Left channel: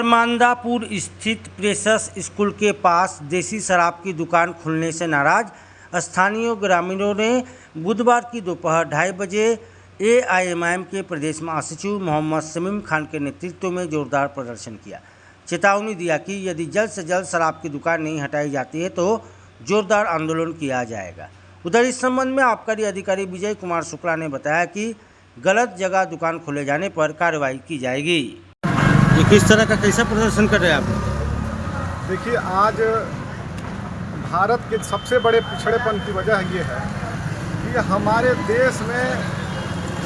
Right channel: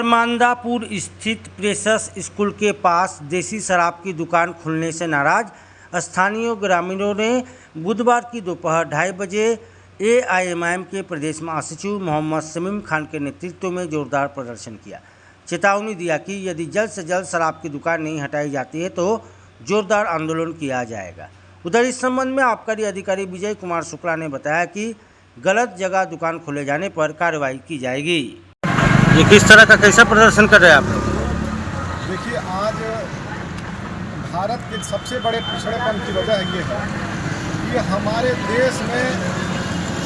हरमांदापुर स्थित प्रेसस स्कूल के पास देसी शराब की दुकान खुलने से नाराज स्थानीय ग्रामीणों ने बुधवार की दोपहर 2:30 बजे एआईएमआईएम के प्रदेश महासचिव मोहम्मद शमीम खान के नेतृत्व में जोरदार प्रदर्शन किया। चेतावनी दिया कि यदि जल्द से जल्द शराब की दुकान नहीं हटाई जाती है तो जोरदार आंदोलन किया जाएगा। उधर इस संबंध में आबकारी अधिकारी विजय कुमार शुक्ला ने बताया कि गलत जगह दुकान खोले जाने पर कार्रवाई की जाएगी। ये किस तरह का कैसा प्रदर्शन कर रहे हैं आप लोग? देखिए, आज भारत के सबसे बड़े पिछड़ेपन की वजह ये है कि हमारे देश में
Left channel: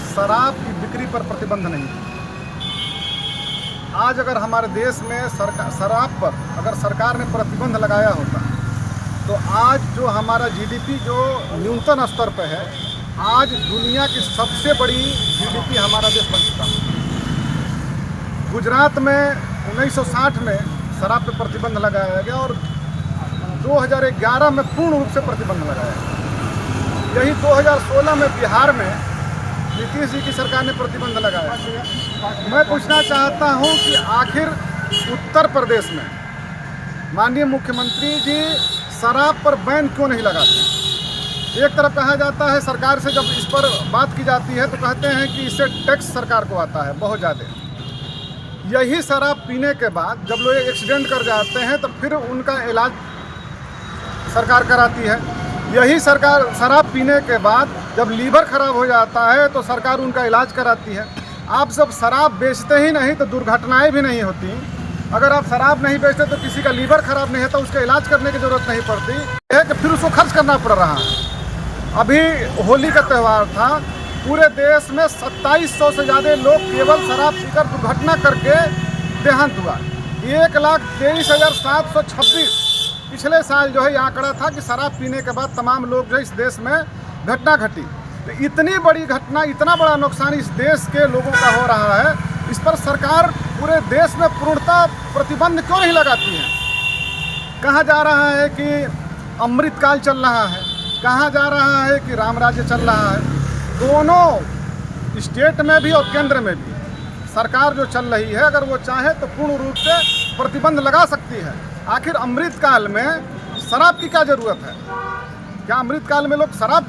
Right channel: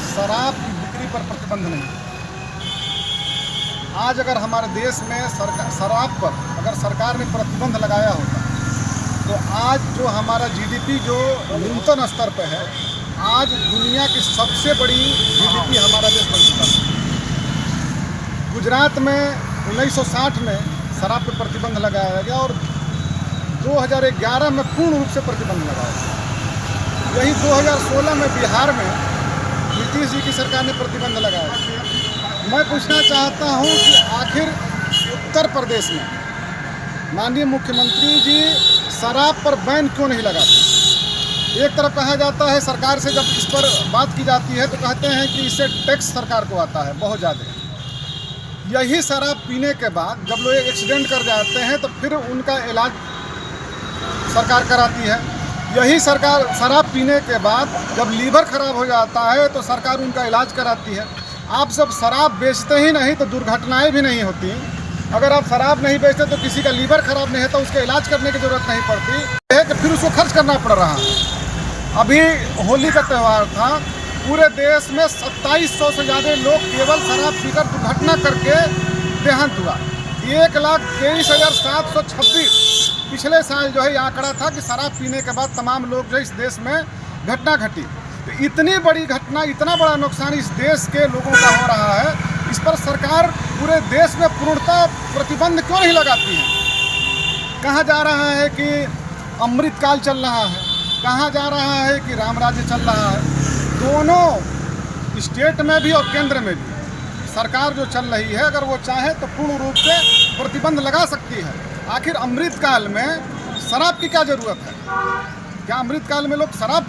शराब की बिक्री पर प्रतिबंध नहीं है। आज अगर हमारे देश में शराब पर अगर सरकार ने प्रतिबंध लगाया होता तो आज जो हमारा जीडीपी जो न्यूनतम स्तर पर है, आज दुनिया की सबसे बड़ी जीडीपी हमारा देश बन चुका है। गुजरात में 1960 में शराब पे प्रतिबंध लगाया गया और 2011 में पूर्ण रूप से प्रतिबंध लगाया गया। यही 2016 में बिहार में नीतीश जी की सरकार ने प्रतिबंध लगाया। मैं पूछना चाहता हूं कि आखिर उत्तर प्रदेश में माननीय मुख्यमंत्री जी शराब पर बैन क्यों नहीं लगाते? एक तरफ कहा जाता है, सरकार से जब इस पर बात की जाती है तो कहते हैं कि इससे टैक्स सरकार को आता है बहुत ज़्यादा। यही शराब पीने के बाद जब लोग एक्सीडेंट कर जाते हैं तो फिर उनका इलाज सरकार कराती है। यही सरकार शराब पीने के बाद जब लीवर खराब हो जाता है तो सरकार उनका इलाज कराती है। आप सब शराब बेचते ही नहीं तो दुर्घटनाएं भी नहीं होती। अगर आप शराब नहीं बेचते तो किसी का लीवर खराब नहीं है तो उसका इलाज करने की ज़रूरत नहीं पड़ती है कि फिर उसको खर्च करना पड़ रहा है। अभी होली का त्यौहार था, पूरे देश में 2700 से ज़्यादा लोग केवल शराब पीकर दुर्घटना करके देहांत हुआ। 1,23,726 पिछले साल जो है ये आंकड़ा था कि शराब पीने के बाद तमाम लोग जो है इस देश में घटना घटी। तो इतनी बड़ी घटना, इतना बड़ा नुकसान इस देश के लोगों का हो रहा है, इस पर सरकार पूरे देश में पूर्णतः प्रतिबंध क्यों नहीं लगाती है? कहा जा रहा है कि अमृतकाल चल रहा है, कहा जा रहा है कि राम राज्य चल रहा है। दोनों स्टेट में भी और केंद्र में भी सरकार जो चल रही है, अगर वो चाहे तो पूर्ण रूप से प्रतिबंध लगा सकती है। आखिर अमृतकाल में शराब की क्या ज़रूरत है? क्या अमृतकाल में लोग शराब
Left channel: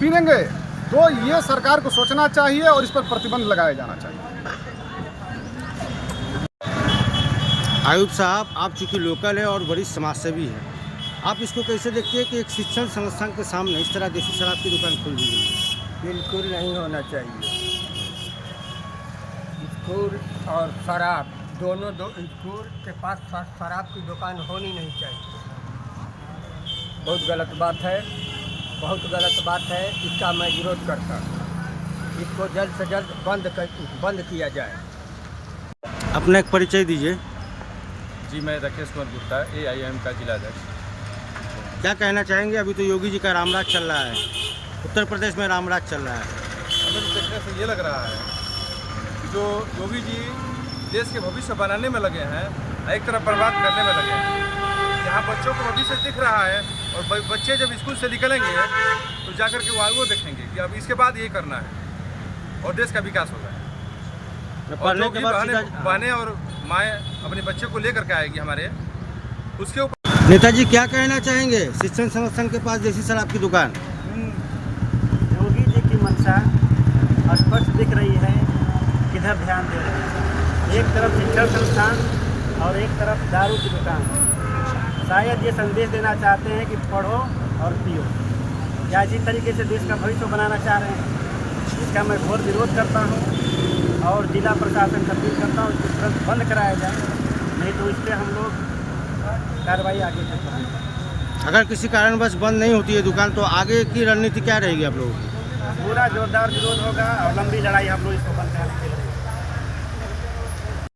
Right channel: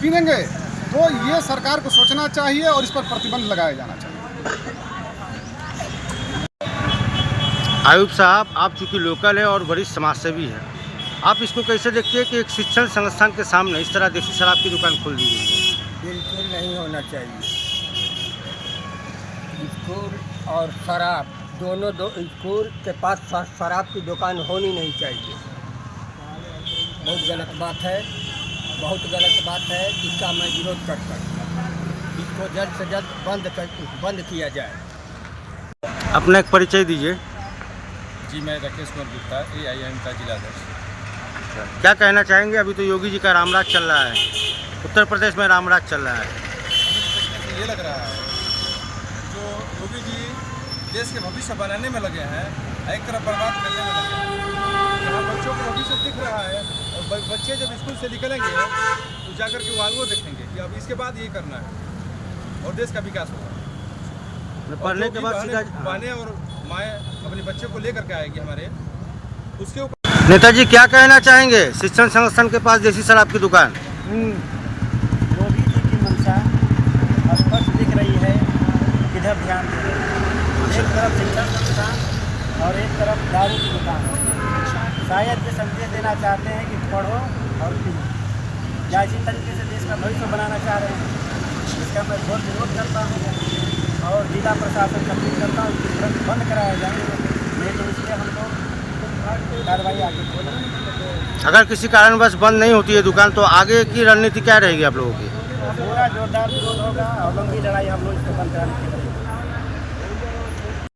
पीनेंगे? तो ये सरकार को सोचना चाहिए और इस पर प्रतिबंध लगाया जाना चाहिए। आयुब साहब, आप चूँकि लोकल है और वरिष्ठ समाजसेवी है, आप इसको कैसे देखते हैं कि एक शिक्षण संस्थान के सामने इस तरह देसी शराब की दुकान खोल दी गई है? बिल्कुल नहीं होना चाहिए। स्कूल और शराब दोनों स्कूल के पास शराब की दुकान होनी नहीं चाहिए। बहुत गलत बात है, बहुत गलत बात है। इसका मैं विरोध करता हूँ। इसको जल्द से जल्द बंद किया जाए। अपना एक परिचय दीजिए। जी, मैं राकेश कुमार गुप्ता, एआईएम का जिला अध्यक्ष। क्या कहना चाहेंगे? अभी तो योगी जी का रामराज चल रहा है, उत्तर प्रदेश में रामराज चल रहा है। हमें तो देखने से ये लग रहा है कि जो योगी जी देश के भविष्य बनाने में लगे हैं, एक तरफ बर्बाद करने में लगे हैं। जहाँ बच्चों को भविष्य दिख रहा है और बच्चे जब स्कूल से निकलेंगे तो जाकर के वो आगे देखेंगे कि अब इसके बाद ये करना है और देश का विकास होगा। पढ़ने के बाद बहनें और माएँ अपने बच्चे को लेकर के आएगी हमारे उसके ऊपर। नेताजी क्या कहना चाहेंगे? शिक्षण संस्थान के पास देसी शराब की दुकान। योगी जी की मंशा स्पष्ट दिख रही है, किधर ध्यान दे रहे हैं। एक तरफ शिक्षण संस्थान और एक तरफ दारू की दुकान। शायद ये संदेश देना चाहते हैं कि पढ़ो और पियो, या इसी तरीके से देश का भविष्य बनाना चाह रहे हैं। इसका मैं घोर विरोध करता हूँ और जिला प्रशासन का अपील करता हूँ कि तुरंत बंद कराया जाए, नहीं तो इससे हम लोग कार्रवाई आगे करेंगे। अगर किसी कारणवश बंद नहीं होती है दुकान तो आगे की रणनीति क्या रहेगी आप लोगों की? पूरा जोरदार विरोध होगा और लंबी लड़ाई हम लोग इसको बंद कराने के लिए